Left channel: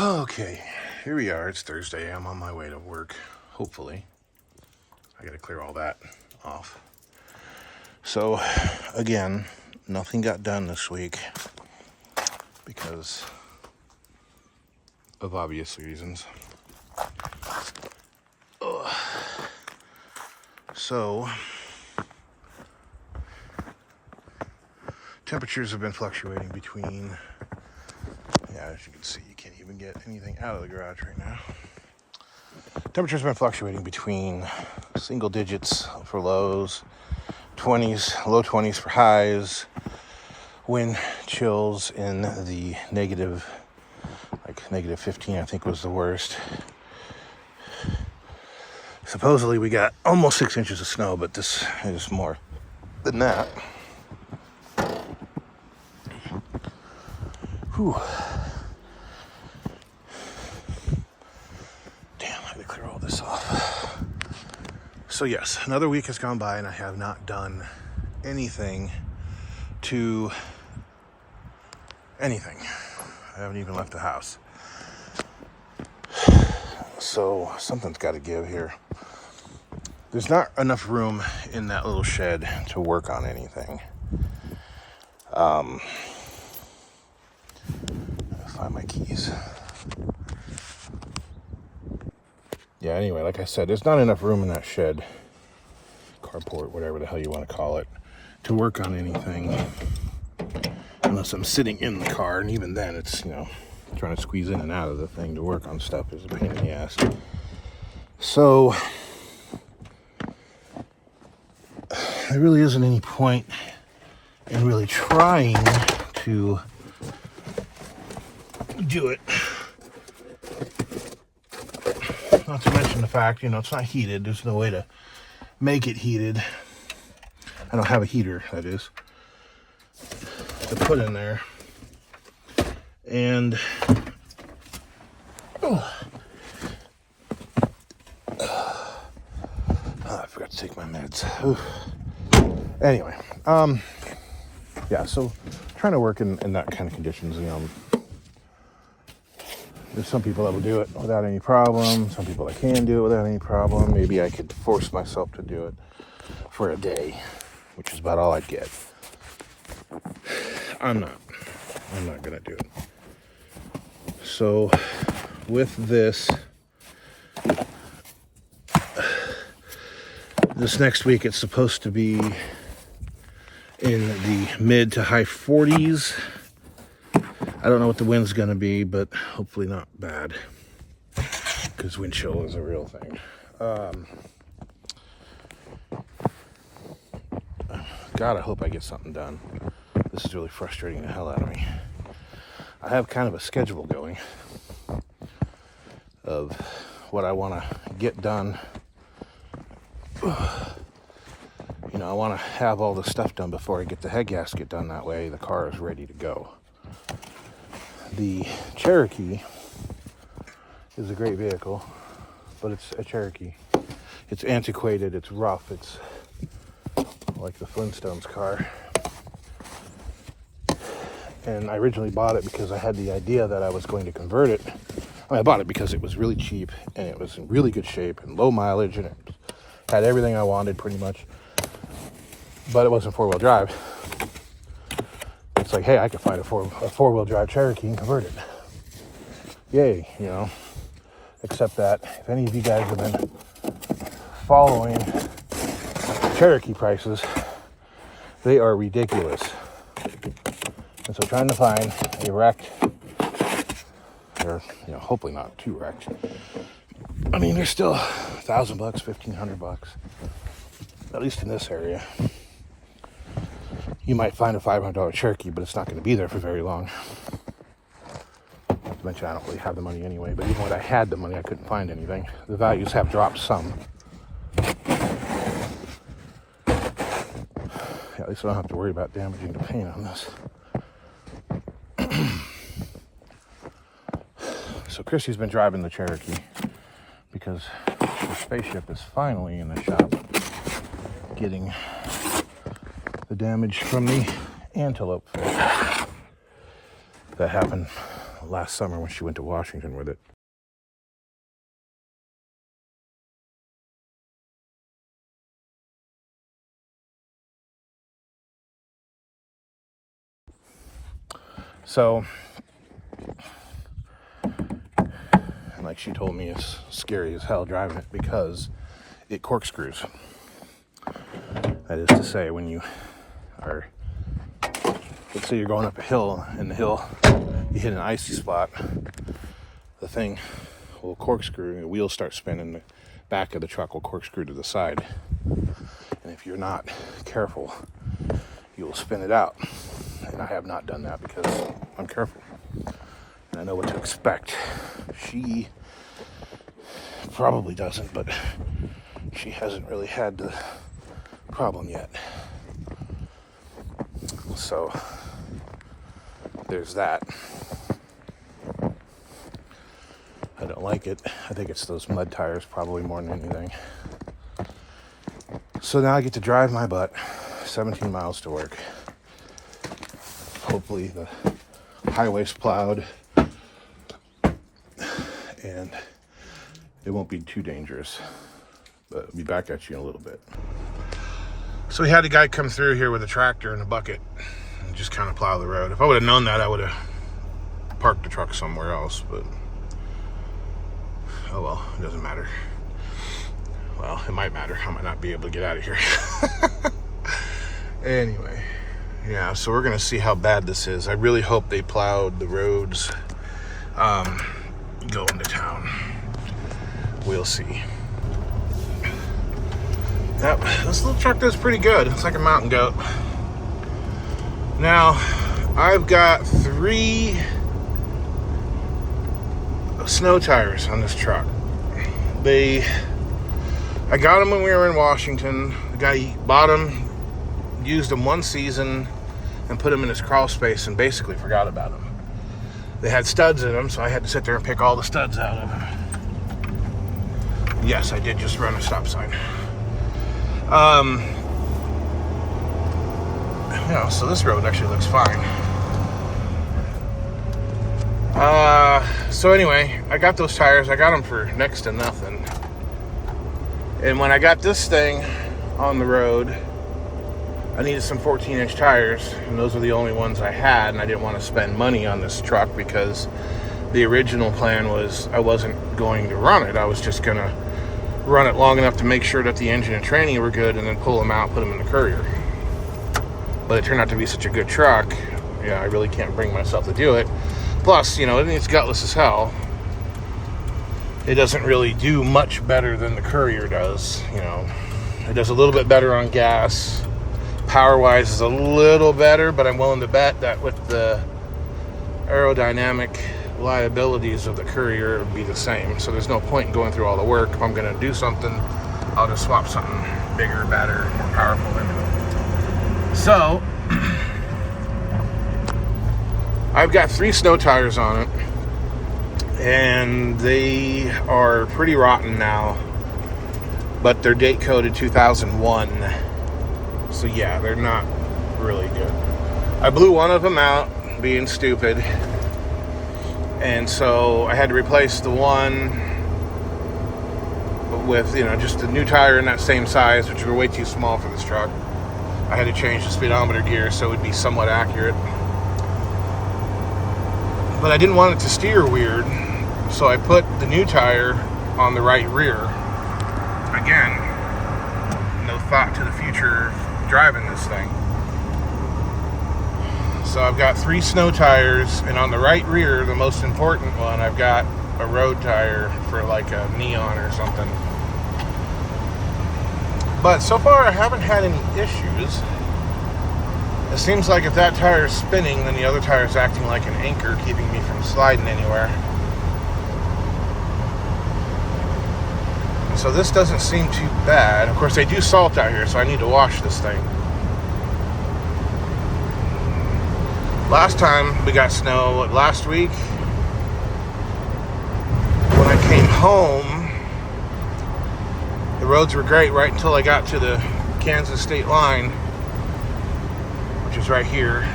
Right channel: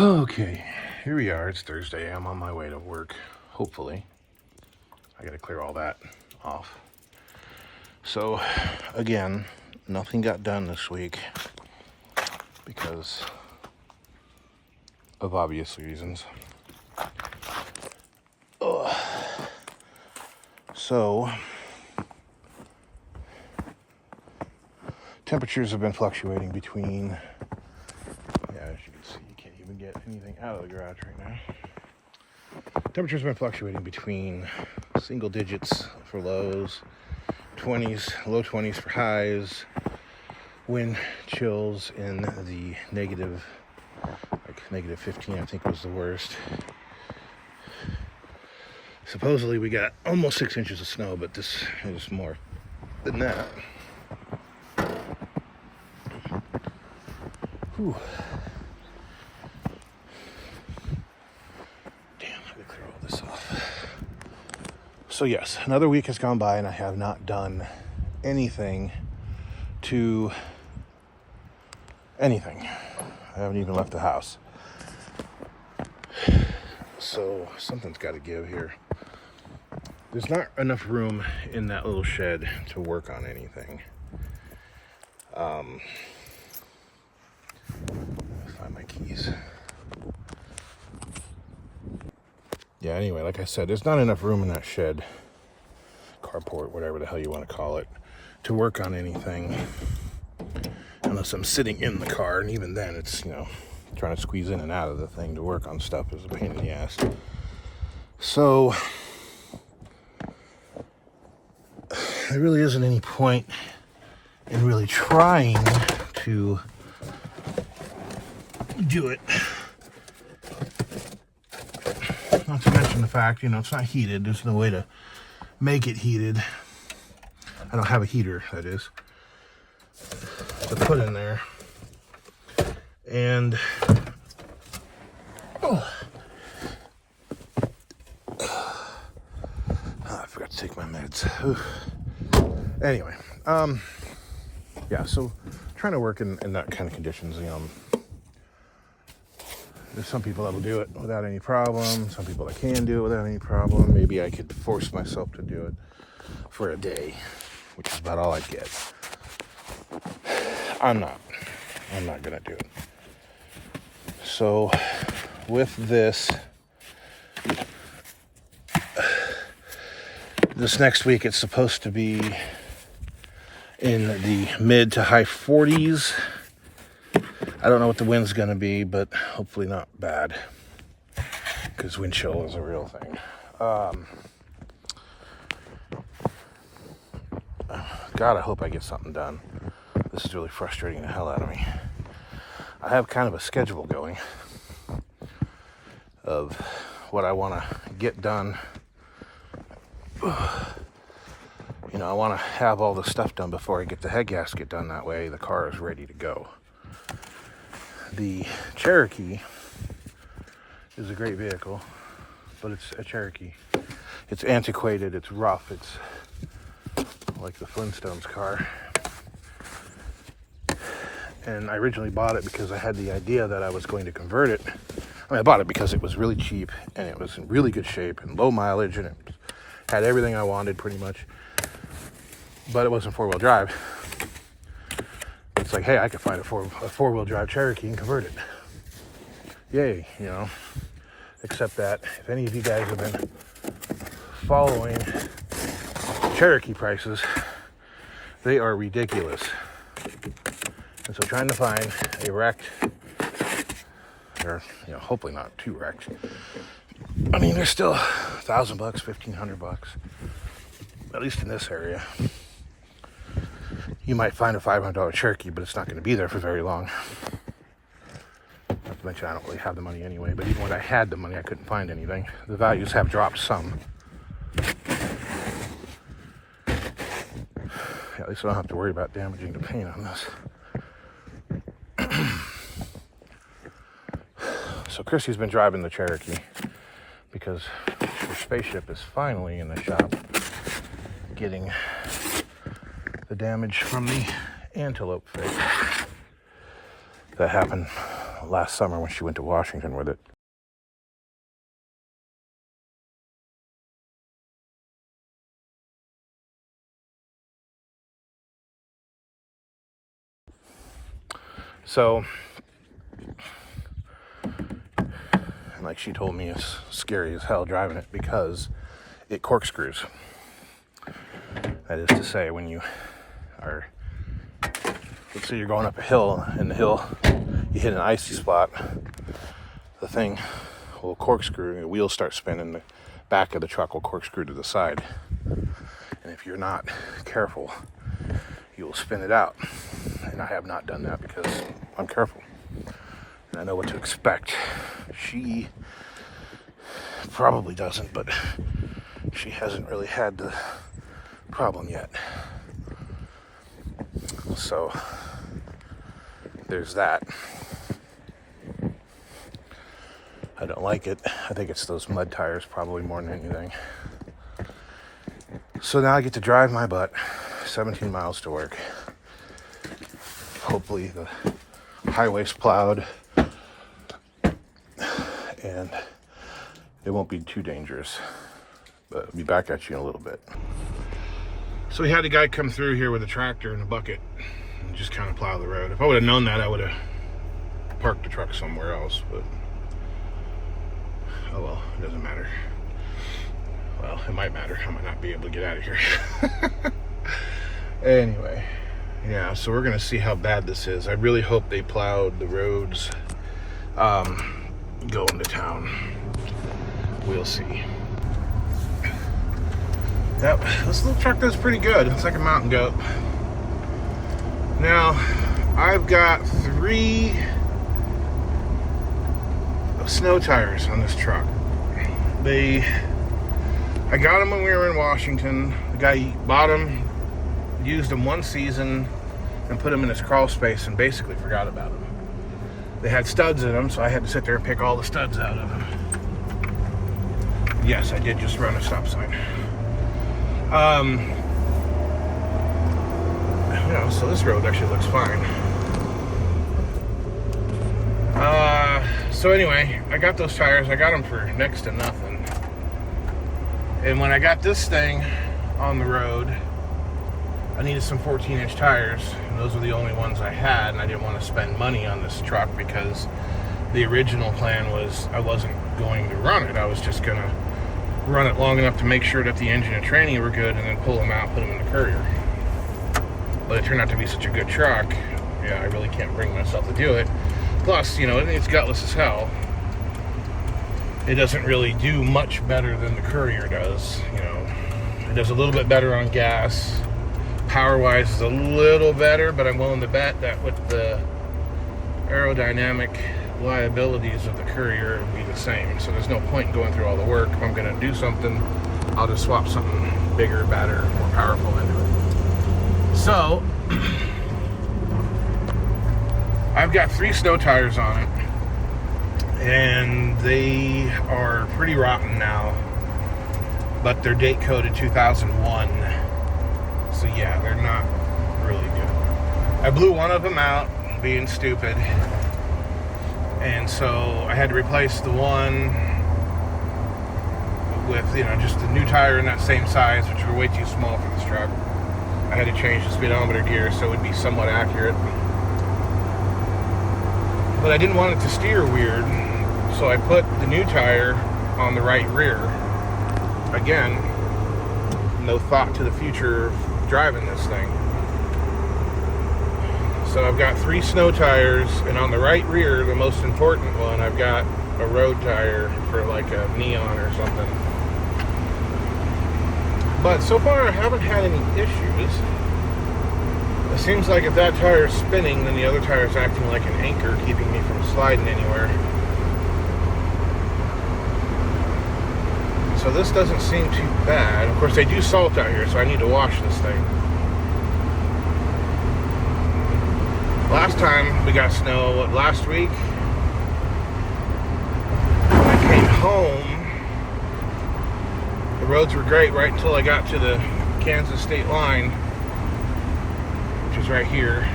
Okay, here we are. It's Thursday. I'm on my way to work. Hopefully, I got to clear all that off. So, again, nothing got done this week because of obvious reasons. So, temperatures have been fluctuating between, as you can see, you can't even get anything out of the garage right now. Temperatures have been fluctuating between single digits for lows, 20s, low 20s for highs, wind chills in the negative 15, I think was the worst. Supposedly we got almost 6 inches of snow, but this is more than that. Whew. Damn, I gotta clear all this off. So yes, another week has gone by and I have not done anything to anything. I haven't even left the house. So something's got to give here. There's not enough room in that little shed to work on anything. Find my keys. Yeah, anyway, like I said, there's not enough room in that shed, carport, whatever the hell you want to call it, to work on anything. Unless I'm sitting in the car, and even then it's, trying to squeeze in and out of the thing to work on stuff is a pain in the ass. So, there really isn't any point in really trying to do it. Not to mention the fact, it's not heated. There's no way to make it heated. I don't have a heater, that is, to put in there. And I forgot to take my meds. Anyway, yeah, so trying to work in that kind of conditions, there's some people that will do it without any problem, some people that can do it without any problem. Maybe I could force myself to do it for a day, which is about all I get. I'm not gonna do it. So with this next week, it's supposed to be in the mid to high 40s. I don't know what the wind's gonna be, but hopefully not bad, because wind chill is a real thing. God, I hope I get something done. This is really frustrating the hell out of me. I have kind of a schedule going of what I want to get done. I want to have all the stuff done before I get the head gasket done. That way the car is ready to go. The Cherokee is a great vehicle, but it's a Cherokee. It's antiquated, it's rough, it's like the Flintstones car. And I originally bought it because I had the idea that I was going to convert it. I bought it because it was really cheap and it was in really good shape and low mileage and it had everything I wanted pretty much. But it wasn't four-wheel drive. It's like, hey, I could find a four-wheel drive Cherokee and convert it. Yay, Except that if any of you guys have been following Cherokee prices, they are ridiculous. And so trying to find a wrecked, or hopefully not too wrecked. I mean, they're still $1,000, $1,500, at least in this area. You might find a $500 Cherokee, but it's not going to be there for very long. Not to mention I don't really have the money anyway, but even when I had the money, I couldn't find anything. The values have dropped some. At least I don't have to worry about damaging the paint on this. So Chrissy's been driving the Cherokee because the spaceship is finally in the shop getting the damage from the antelope fix that happened last summer when she went to Washington with it. So, and like she told me, it's scary as hell driving it because it corkscrews. That is to say, when you are, let's say you're going up a hill, and the hill, you hit an icy spot, the thing will corkscrew, the wheels start spinning, the back of the truck will corkscrew to the side. And if you're not careful, you will spin it out. And I have not done that because I'm careful. And I know what to expect. She probably doesn't, but she hasn't really had the problem yet. So there's that. I don't like it. I think it's those mud tires probably more than anything. So now I get to drive my butt 17 miles to work. Hopefully the highway's plowed and it won't be too dangerous. But I'll be back at you in a little bit. So we had a guy come through here with a tractor and a bucket and just kind of plow the road. If I would have known that, I would have parked the truck somewhere else, but oh well, it doesn't matter. Well, it might matter. I might not be able to get out of here. Anyway, yeah, so we're gonna see how bad this is. I really hope they plowed the roads going to town. We'll see. Yep, this little truck does pretty good. It's like a mountain goat. Now, I've got 3 snow tires on this truck. I got them when we were in Washington. The guy bought them, used them one season, and put them in his crawl space and basically forgot about them. They had studs in them, so I had to sit there and pick all the studs out of them. Yes, I did just run a stop sign. So this road actually looks fine. So anyway, I got those tires. I got them for next to nothing. And when I got this thing on the road, I needed some 14-inch tires, and those were the only ones I had, and I didn't want to spend money on this truck because the original plan was I wasn't going to run it. I was just going to run it long enough to make sure that the engine and training were good and then pull them out, put them in the Courier. But it turned out to be such a good truck, I really can't bring myself to do it. Plus, it's gutless as hell. It doesn't really do much better than the Courier does. It does a little bit better on gas. Power-wise is a little better, but I'm willing to bet that with the aerodynamic liabilities of the Courier, it would be the same. So there's no point going through all the work. If I'm going to do something, I'll just swap something bigger, better, more powerful into it. So, I've got 3 snow tires on it, and they are pretty rotten now, but they're date coded 2001. So yeah, they're not really good. I blew one of them out, being stupid. And so I had to replace the one with, just a new tire in that same size, which were way too small for this truck. I had to change the speedometer gear so it would be somewhat accurate. But I didn't want it to steer weird, so I put the new tire on the right rear. Again, no thought to the future of driving this thing. So I've got 3 snow tires, and on the right rear, the most important one, I've got a road tire for like a neon or something. But so far I haven't had any issues. It seems like if that tire is spinning, then the other tire is acting like an anchor, keeping me from sliding anywhere. So this doesn't seem too bad. Of course, they do salt out here, so I need to wash this thing. Last time we got snow, last week, when I came home, the roads were great right until I got to the Kansas state line, which is right here.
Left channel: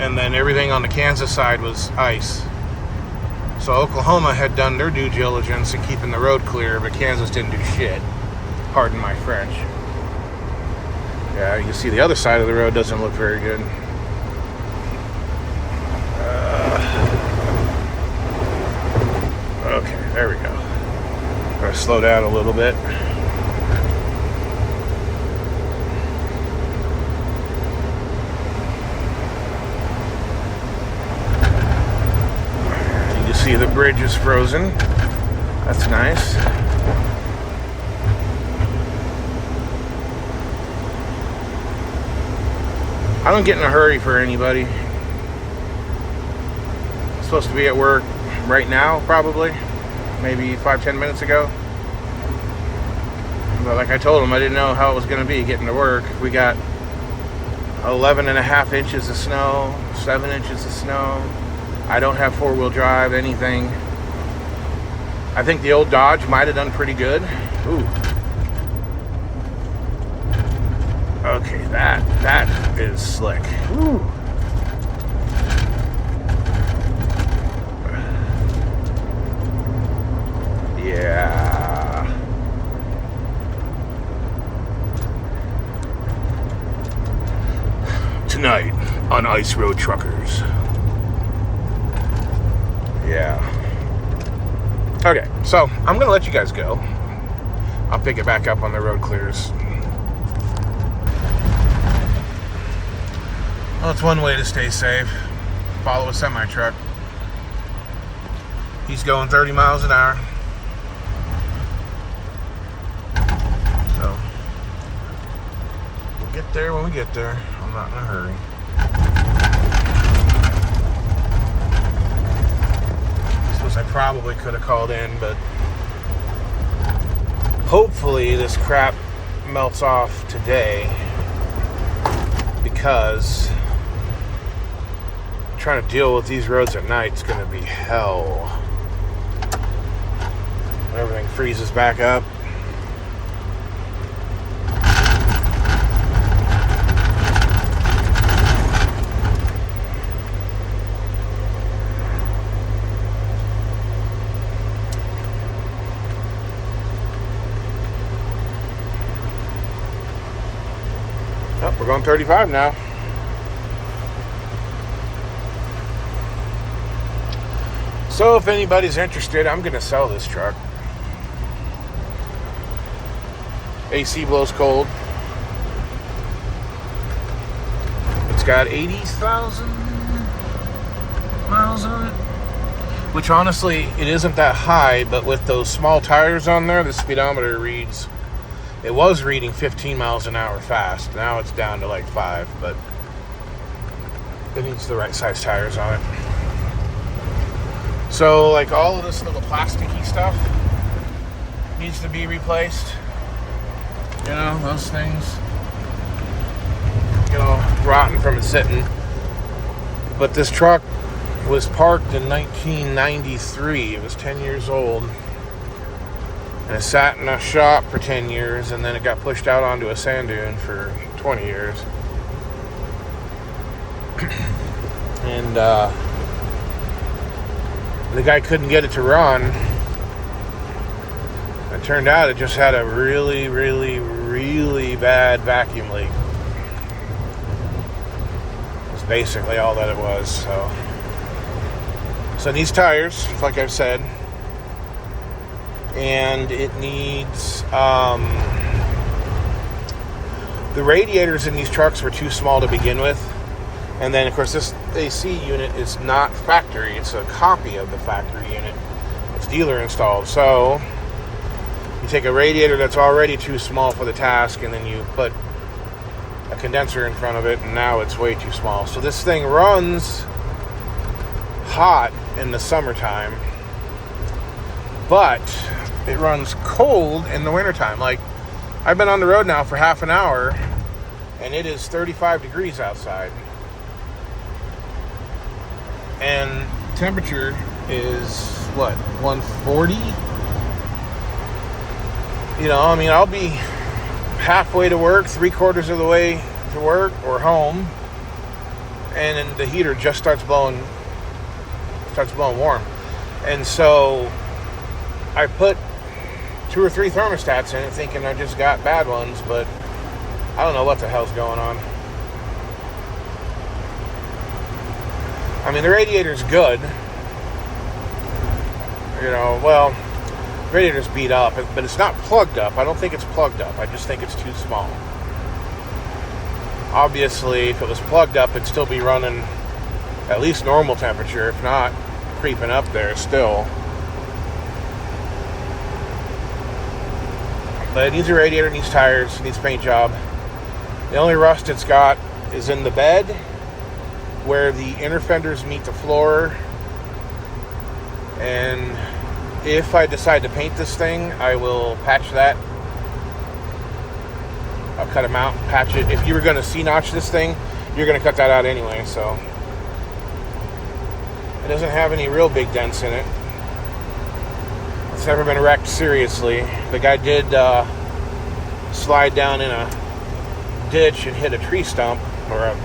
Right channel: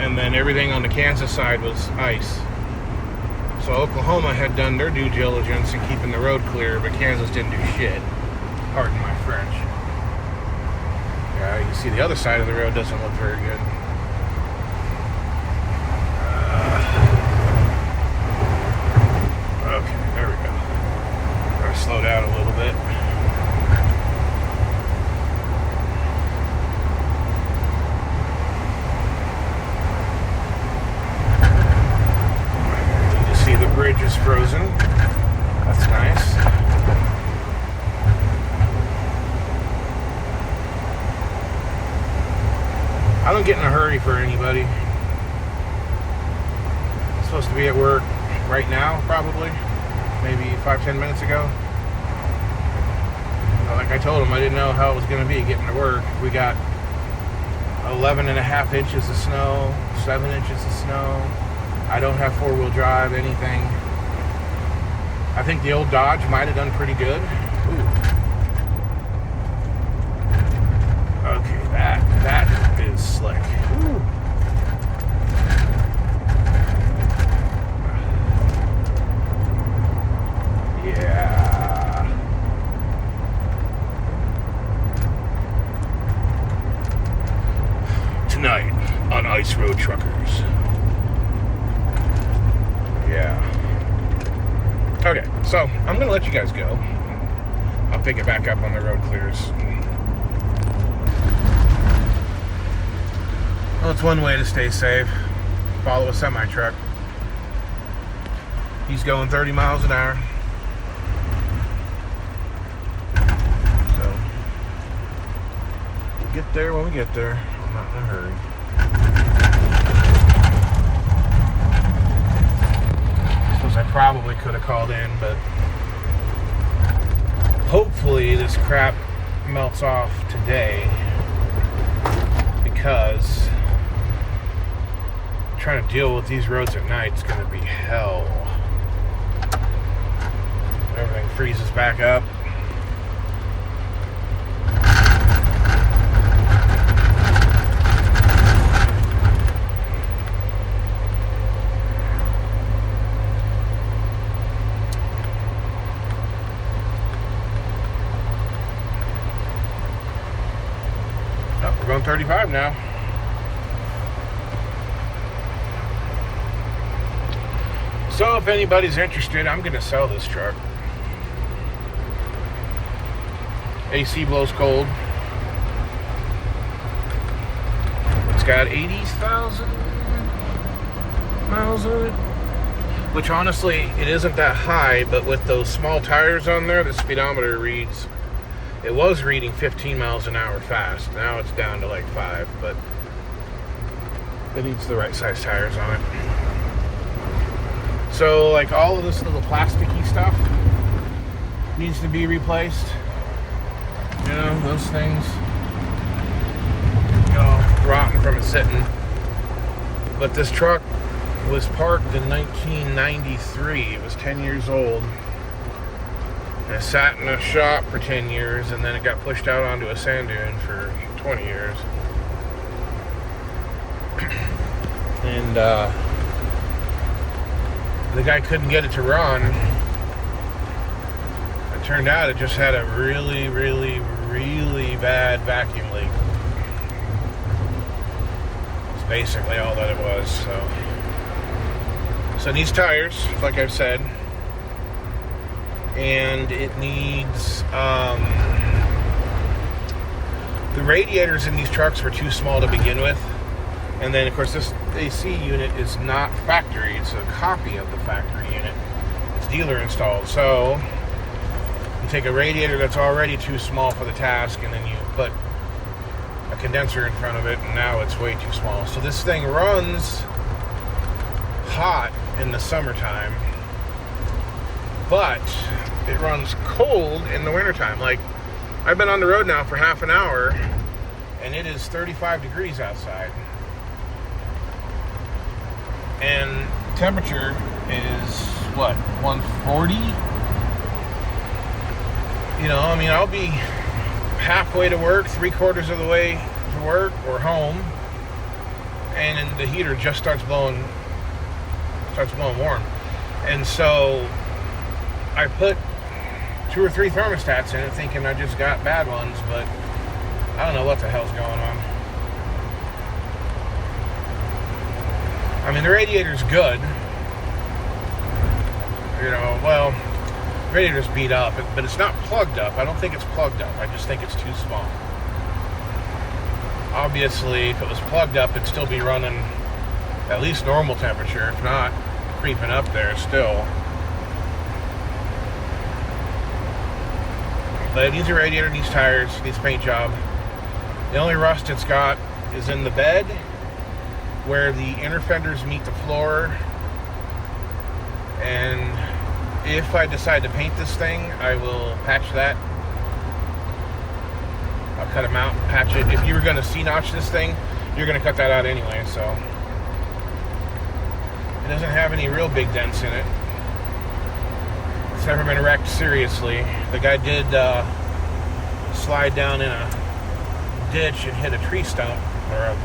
And then everything on the Kansas side was ice. So Oklahoma had done their due diligence in keeping the road clear, but Kansas didn't do shit. Pardon my French. Yeah, you can see the other side of the road doesn't look very good. Okay, there we go. Gotta slow down a little bit. You see the bridge is frozen. That's nice. I don't get in a hurry for anybody. I'm supposed to be at work right now, probably. Maybe 5-10 minutes ago. But like I told them, I didn't know how it was going to be getting to work. We got 11.5 inches of snow, 7 inches of snow. I don't have four-wheel drive, anything. I think the old Dodge might have done pretty good. Ooh. Okay, that is slick. Ooh. Yeah. Tonight on Ice Road Truckers. Yeah. Okay, so I'm gonna let you guys go. I'll pick it back up when the road clears. Well, it's one way to stay safe. Follow a semi-truck. He's going 30 miles an hour. So, we'll get there when we get there. I'm not in a hurry. I suppose I probably could have called in, but hopefully this crap melts off today, because trying to deal with these roads at night is going to be hell. Everything freezes back up. Yep, we're going 35 now. So if anybody's interested, I'm going to sell this truck. AC blows cold. It's got 80,000 miles on it. Which honestly, it isn't that high, but with those small tires on there, the speedometer reads, it was reading 15 miles an hour fast. Now it's down to like 5, but it needs the right size tires on it. So, like, all of this little plasticky stuff needs to be replaced. You know, those things go rotten from it sitting. But this truck was parked in 1993. It was 10 years old. And it sat in a shop for 10 years, and then it got pushed out onto a sand dune for 20 years. And, the guy couldn't get it to run. It turned out it just had a really, really, really bad vacuum leak. It's basically all that it was. So it needs tires, like I've said, and it needs the radiators in these trucks were too small to begin with. And then, of course, this AC unit is not factory. It's a copy of the factory unit. It's dealer installed. So, you take a radiator that's already too small for the task, and then you put a condenser in front of it, and now it's way too small. So this thing runs hot in the summertime, but it runs cold in the wintertime. Like, I've been on the road now for half an hour, and it is 35 degrees outside. And temperature is, what, 140? You know, I mean, I'll be halfway to work, 3/4 of the way to work or home, and then the heater just starts blowing warm. And so I put 2 or 3 thermostats in it thinking I just got bad ones, but I don't know what the hell's going on. I mean, the radiator's good. You know, well, the radiator's beat up, but it's not plugged up. I don't think it's plugged up. I just think it's too small. Obviously, if it was plugged up, it'd still be running at least normal temperature, if not creeping up there still. But it needs a radiator, needs tires, needs paint job. The only rust it's got is in the bed, where the inner fenders meet the floor. And if I decide to paint this thing, I will patch that. I'll cut them out, patch it. If you were going to C-notch this thing, you're going to cut that out anyway, so. It doesn't have any real big dents in it. It's never been wrecked seriously. The guy did slide down in a ditch and hit a tree stump, or a,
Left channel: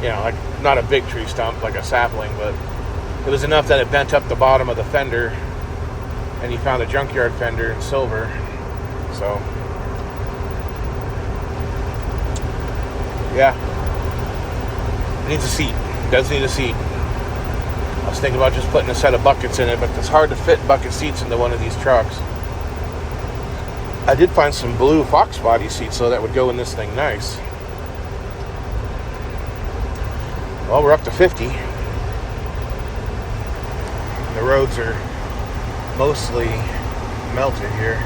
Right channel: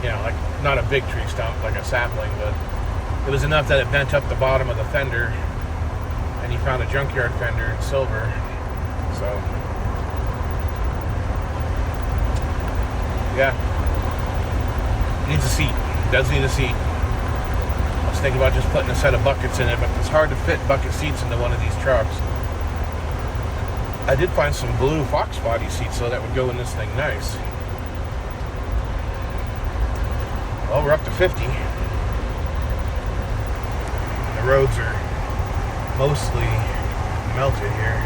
you know, like not a big tree stump, like a sapling, but it was enough that it bent up the bottom of the fender, and he found a junkyard fender in silver. So, yeah, needs a seat. Does need a seat. I was thinking about just putting a set of buckets in it, but it's hard to fit bucket seats into one of these trucks. I did find some blue Fox body seats, so that would go in this thing nice. Well, we're up to 50. The roads are mostly melted here.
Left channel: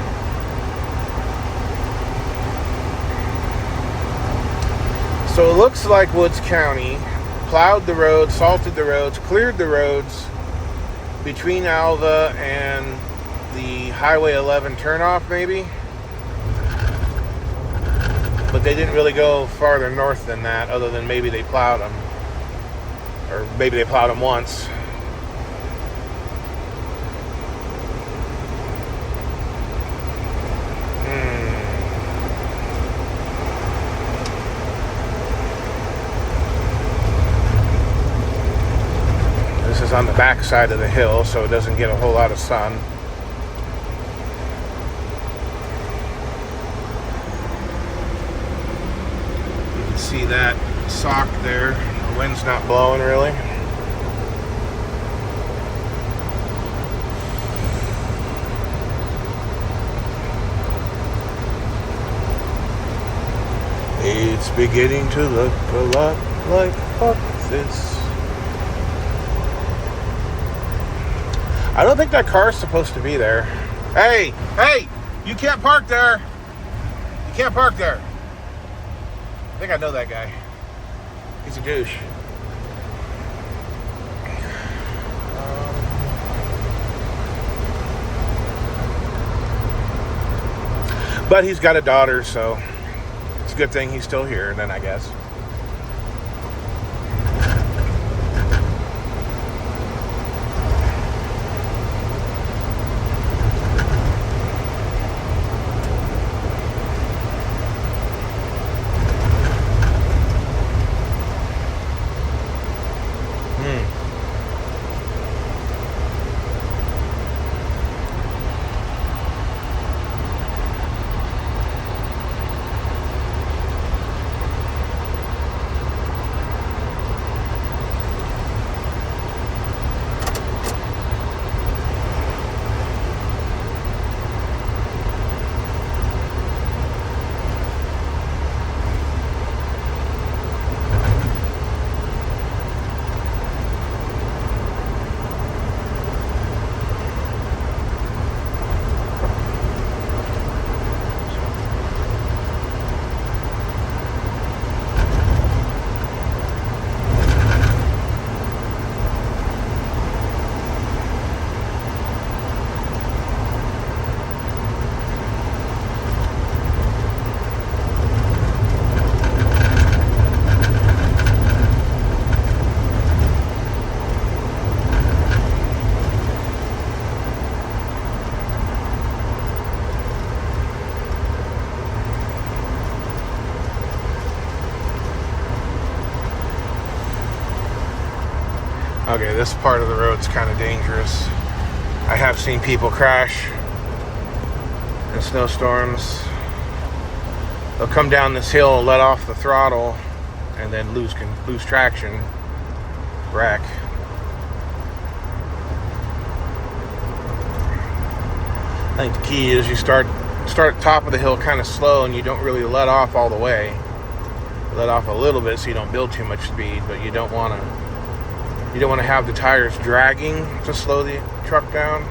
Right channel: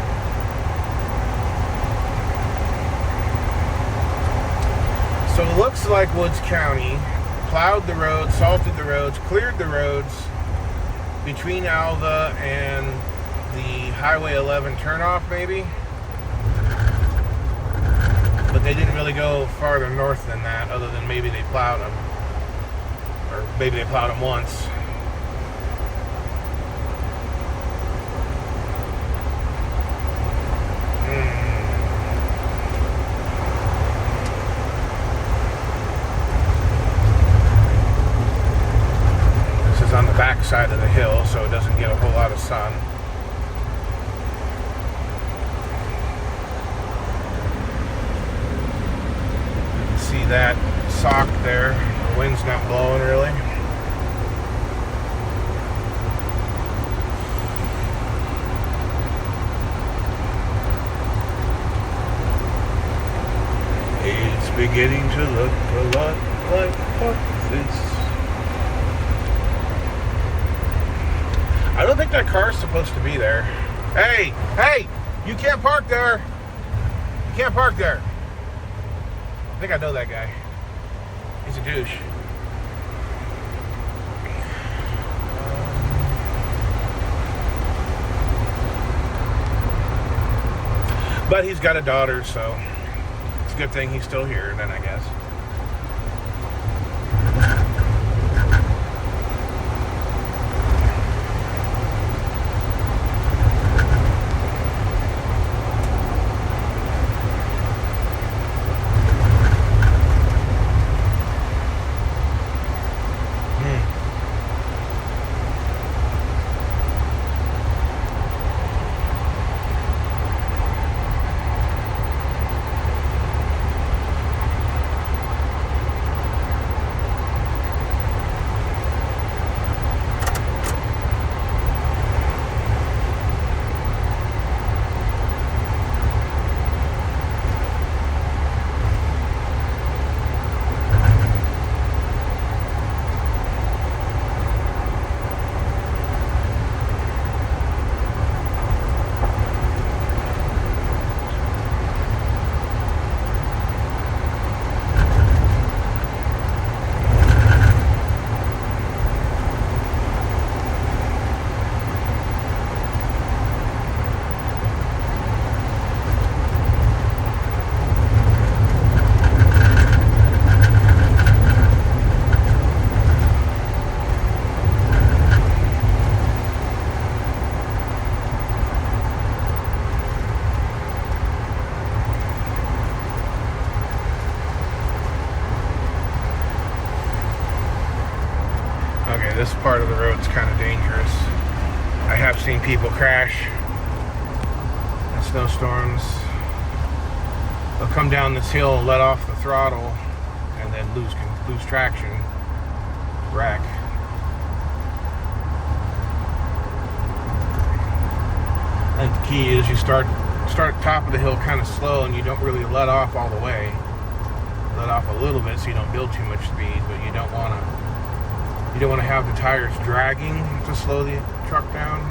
So it looks like Woods County plowed the roads, salted the roads, cleared the roads between Alva and the Highway 11 turnoff, maybe. But they didn't really go farther north than that, other than maybe they plowed them. Or maybe they plowed them once. This is on the back side of the hill, so it doesn't get a whole lot of sun. You can see that sock there. The wind's not blowing really. It's beginning to look a lot like this. I don't think that car's supposed to be there. Hey, you can't park there. You can't park there. I think I know that guy. He's a douche. But he's got a daughter, so it's a good thing he's still here then, I guess. Okay, this part of the road's kind of dangerous. I have seen people crash in snowstorms. They'll come down this hill and let off the throttle and then lose traction, wreck. I think the key is you start at the top of the hill kind of slow, and you don't really let off all the way. Let off a little bit so you don't build too much speed, but you don't want to have the tires dragging to slow the truck down.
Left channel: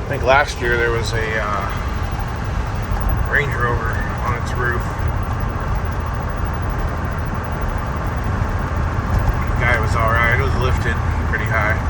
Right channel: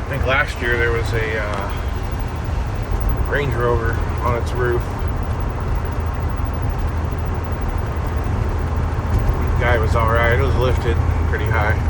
I think last year there was a Range Rover on its roof. The guy was alright. It was lifted pretty high.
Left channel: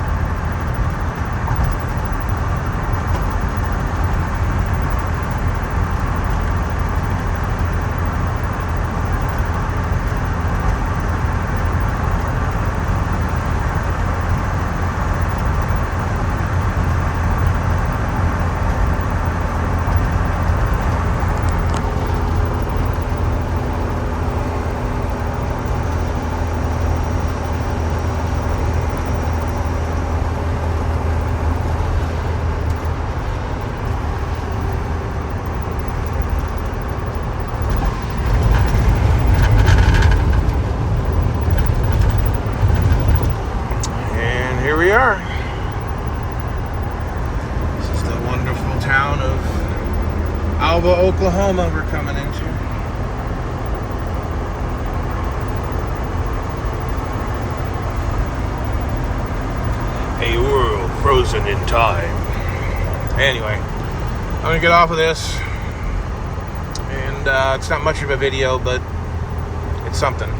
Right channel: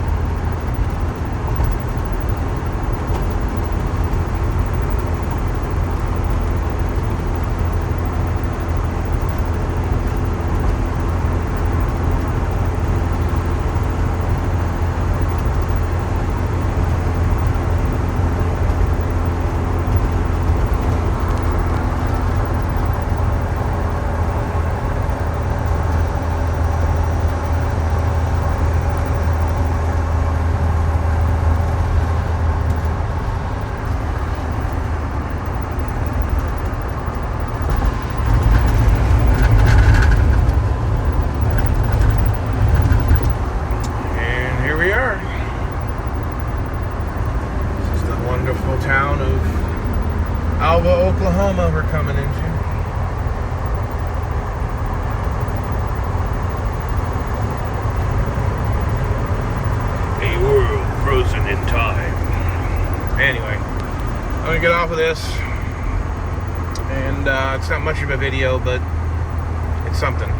This is the wonderful town of Alva, Oklahoma we're coming into. A world frozen in time. Anyway, I'm gonna get off of this, and it's not much of a video, but it's something.